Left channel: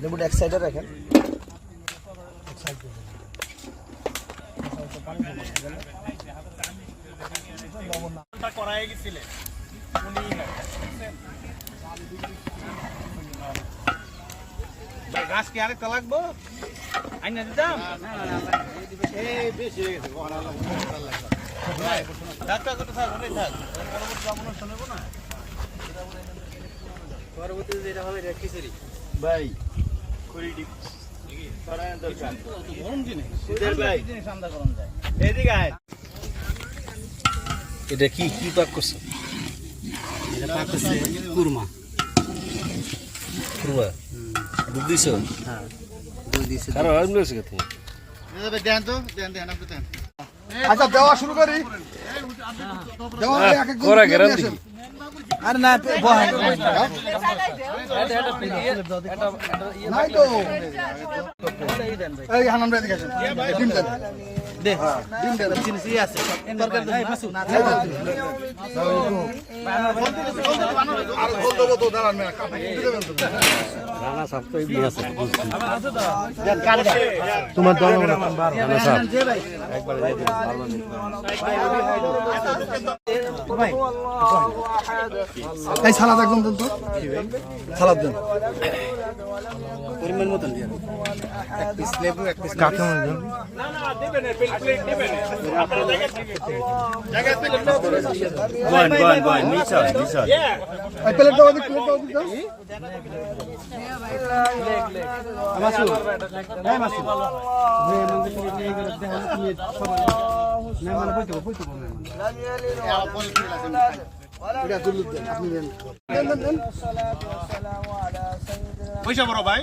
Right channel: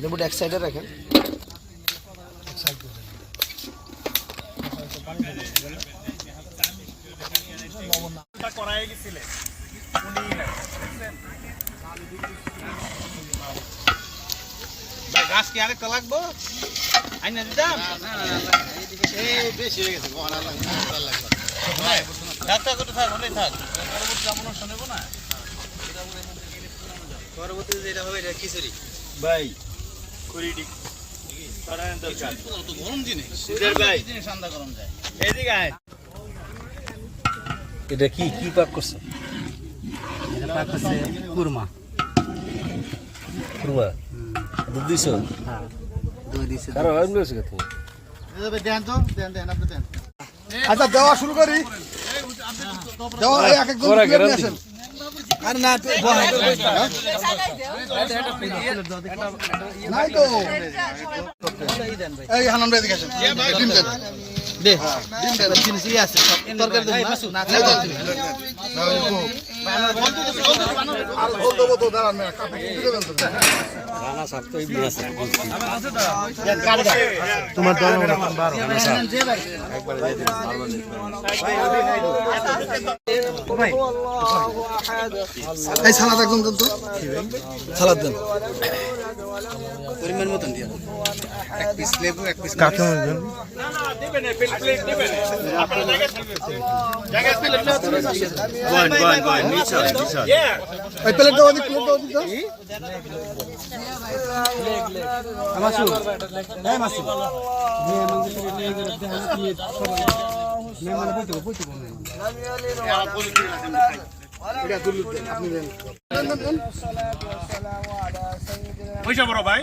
লেবুটা এক সাইডে রাখেন করাই গেছিলেন গাছ কি আরেকটা লাগবো আইনা দিতাম এই বেশি হয়ে গেছে কখন আর লাগবে আর পরবর্তীতে যেটা হবে এটা খিচুড়ি ভাই কুড়ি ডিগ গরম জিনিস ভাই জিনিস আন্দা গরম যায় এদিকে এটা কি কি পাক করছ? এটা পাক করছে কুরমা। কুরমা? দুধ দিছো? হ্যাঁ দুই দিছে। কারও আরাম রয়েছে কে দেন তো দেন দেন আপনি দেন। আচ্ছা দেওয়া শুরু করি। দেওয়া এক এক আরে না বহাই নাই তো। এই হানান ভাই দেখেছেন ডিম দেন। দে ডিম দেন জিনিস ই আছে তরকারি দেন না দাও তো। আর ঝোল দেবো তো দাঁড়ান মেয়ে কাপড় তুলে দেবেন তো রানা সব তো এই আছে তোমার এই সালাদ একদম দেন তো সালাদ দেন। পরিমাণ মতন দিয়া। এক পিস লেবু এক পিস এই প্লেট দাও দিক প্লেট দাও দিক দাও। দেন দেন দেন পয়সা বড় ভাই।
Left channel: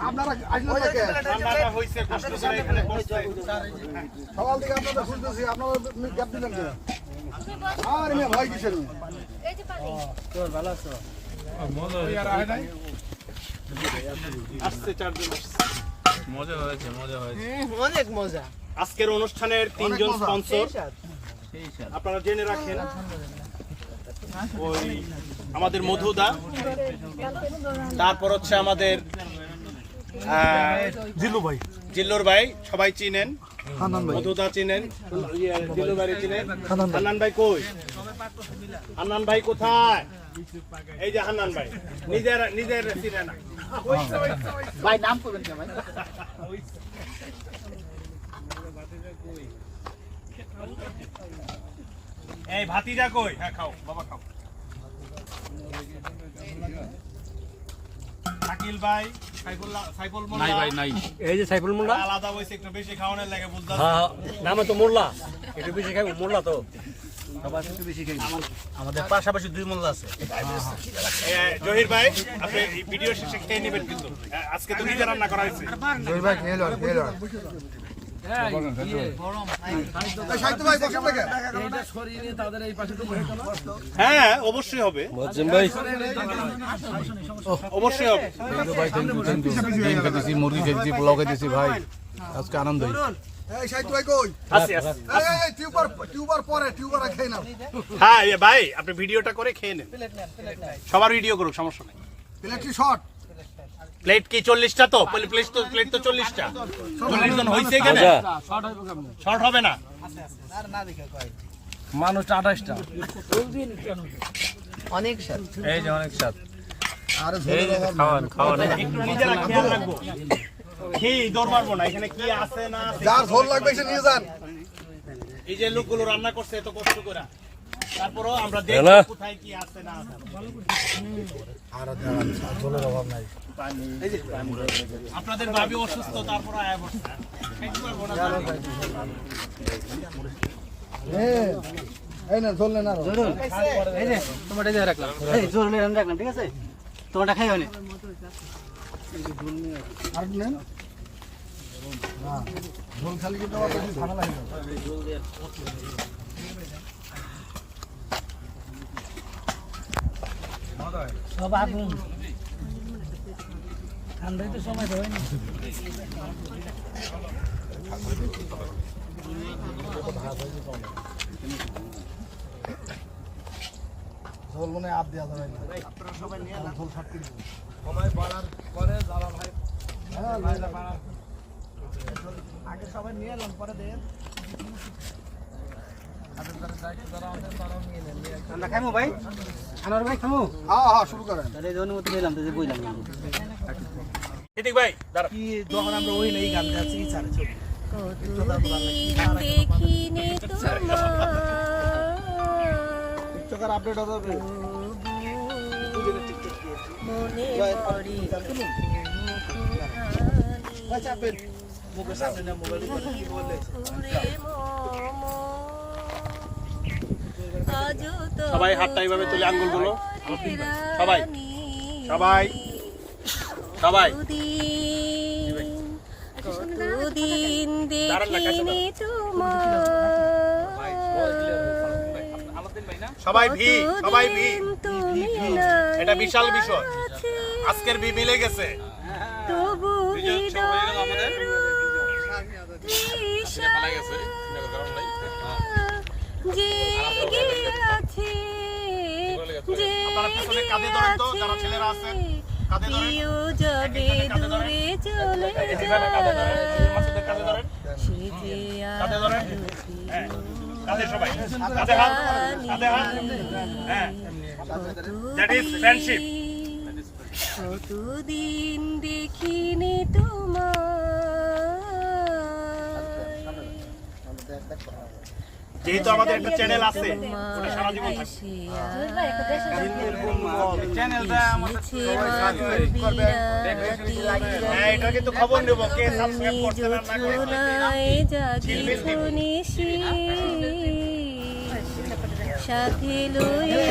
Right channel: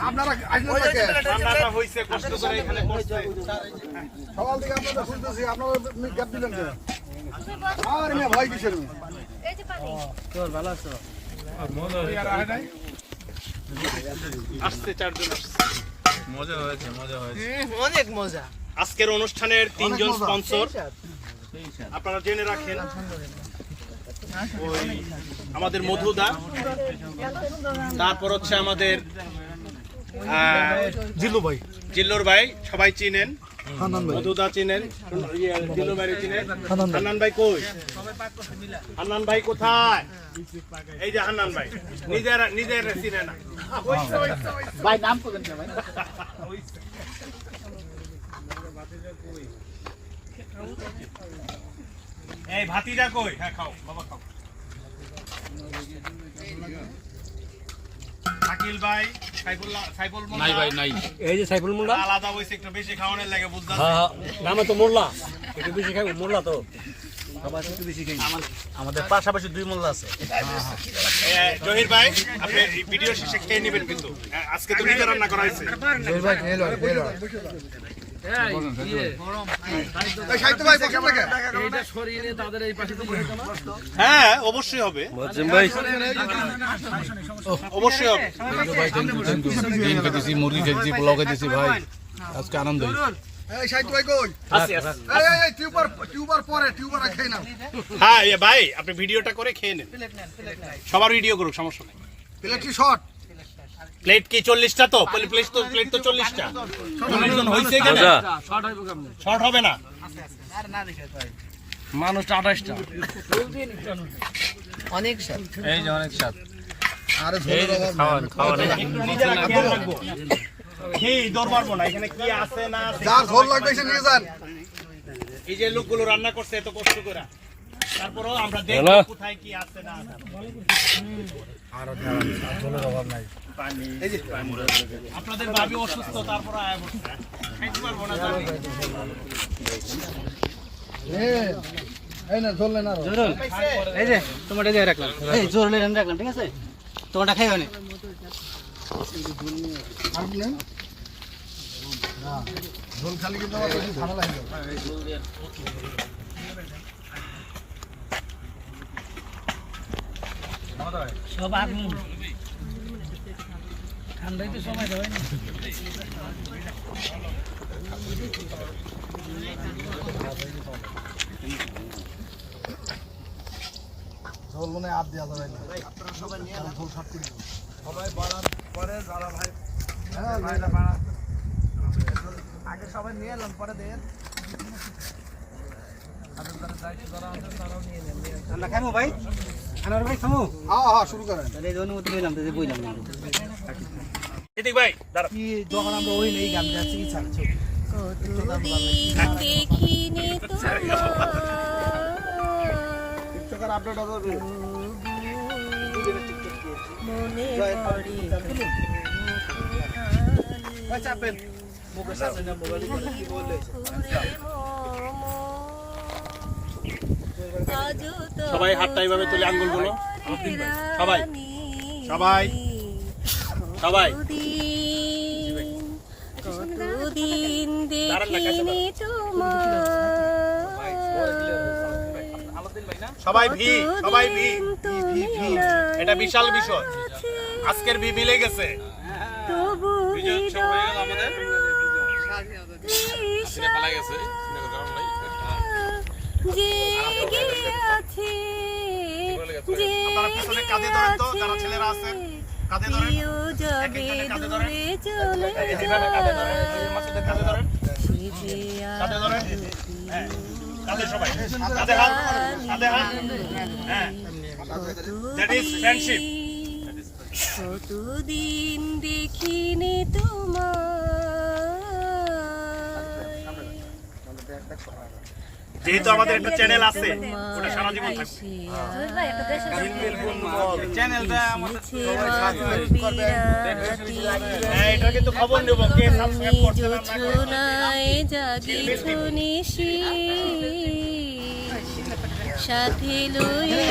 আপনারা আসলে দেখে রান্নাটা হয়েছে কষ্ট করে এখানে করছে। সকাল থেকে আপনাদের শুনতেছি আপনারা গ্যাপ দিলেন আর মেয়ে ভয় কিসের? মেয়ে আসছে চারজন আসছে। অনেক মজা। আজকের অনুষ্ঠানের তিনজন স্পন্সর। আপনারা জেনে রাখেন ওই আমাদের মধুদা তারপর হচ্ছে আমাদের জিল্লু ভাই। জিল্লুর ভাই সবাই চিনেন। মধুদা চিনেন ইয়ে, জিল্লু ভাই চিনেন। হান্নান ভাই। কই? হান্নান ভাই কোথায়? এই যে হান্নান ভাই নিজের নিজের চিনে না। ভাই নাম করবেন ভাই? এই ভাতিজা কই? হ্যাঁ খাও বাবা খাও। শাকিল ভাই সাইফুল্লাহ সাইফুল মোল্লা। নাই ভাই নাই। এই যে সাইফুল মোল্লা? আলাদা হইছে একটু বেশি খাওয়ানোর লাগে বুঝতে হ্যাঁ নামে তো মোল্লা। একটু বেশি খাই মোল্লা তো। আমাদের পাশাপাশি দুই মোল্লা আছে। জহির ভাই আপনি ভিডিও শেষে খেয়ে নেবেন কিন্তু। আজকে তো নিজে রান্না করা হয়েছে। জয় ভাই খেয়ে লন খেয়ে লন। দেখে। হ্যাঁ অবশ্যই হবে। ভাই। অবশ্যই হবে। ভাই থ্যাংক ইউ থ্যাংক ইউ ডিম খেতেছি মুরগি খেতেছি পোলাও খেতেছি ভাই। আজকে আনন্দ হয়েছে। এই সাহিত্য ভাই কই? আছে আছে এই, এই, এই টিউবার টিউবার পরে খেয়ে না হ্যাঁ ভাই আপনি ভিডিওটা করে খেয়ে নেন। সবার ভিডিও করুক সমস্যা নেই। শর্ট প্লেট কি চল্লিশটা তো? প্লেট তো প্লেট তো চল্লিশটা। চল্লিশ জন হয়েছে শর্ট হবে না? মানুষ আঠাশটা। অনেক স্বাদ এই যে অনেক স্বাদ খাওয়ান খাওয়ান। এই যে লোকগুলো রান্না করছে এত কষ্ট করে। তারপরেও আমরা দেখব কোথায় কি আছে না আছে। এই যে আপনাদের ভাবি অসুস্থ তারপর আয়া বসছে। খাইতে পারব না জানি। এই, না নেন আরও এই যে তোমার এই রাখলাম এই জোর লেন রাখলাম ঠিক আছে তোমারটা খাইবে না আর নেন না ঝোল খালি কিন্তু ঝামেলা হয়ে যাবে সব আগুন। ঠান্ডায় তো সময় দেয় না। ঝোল মনে হয় আর দেওয়া যাবে না। আপনারা সবাই নিয়ে ঝোল সব দেবেন। সবাই বাড়ার পরে যারা ভাই হ্যাঁ ভাইরা বাড়া আগে সবাই নিয়ে এলাম পরে দেন। আমরা খাইমু ভাই? আনোয়ার ভাই খামু? হ্যাঁ হ্যাঁ শুরু করেন। তাহলে এই অনুমতি নিলাম তাহলে বইলাম এদিক ভাই দাঁড়া কতদিন দেখিনি তোমার আপডেট হবে মনে পড়ে ভাই চাপেন। সবাই হাতটা এইভাবে তুলে আঙ্গুলগুলো সবাই সবাই। সবাই। কতদিন দেখিনি সবাই ভি সবাই ভি। এটা বিশাল বিষয় আজকের ভি মিলে গেছে। আমাদের। গেছে। কাঁধে ধরেন। প্রিয় যাবে। দূরে চলে সে যে ফ্রেন্ডশিপ কতদিন দেখিনি তোমার যেহেতু আমাদের একটা চ্যানেল আছে ওটা সারা জীবন থাকবে হ্যাঁ এটা কিন্তু খবর নেব কে সাবস্ক্রাইব করছে না না সাথে লয়ে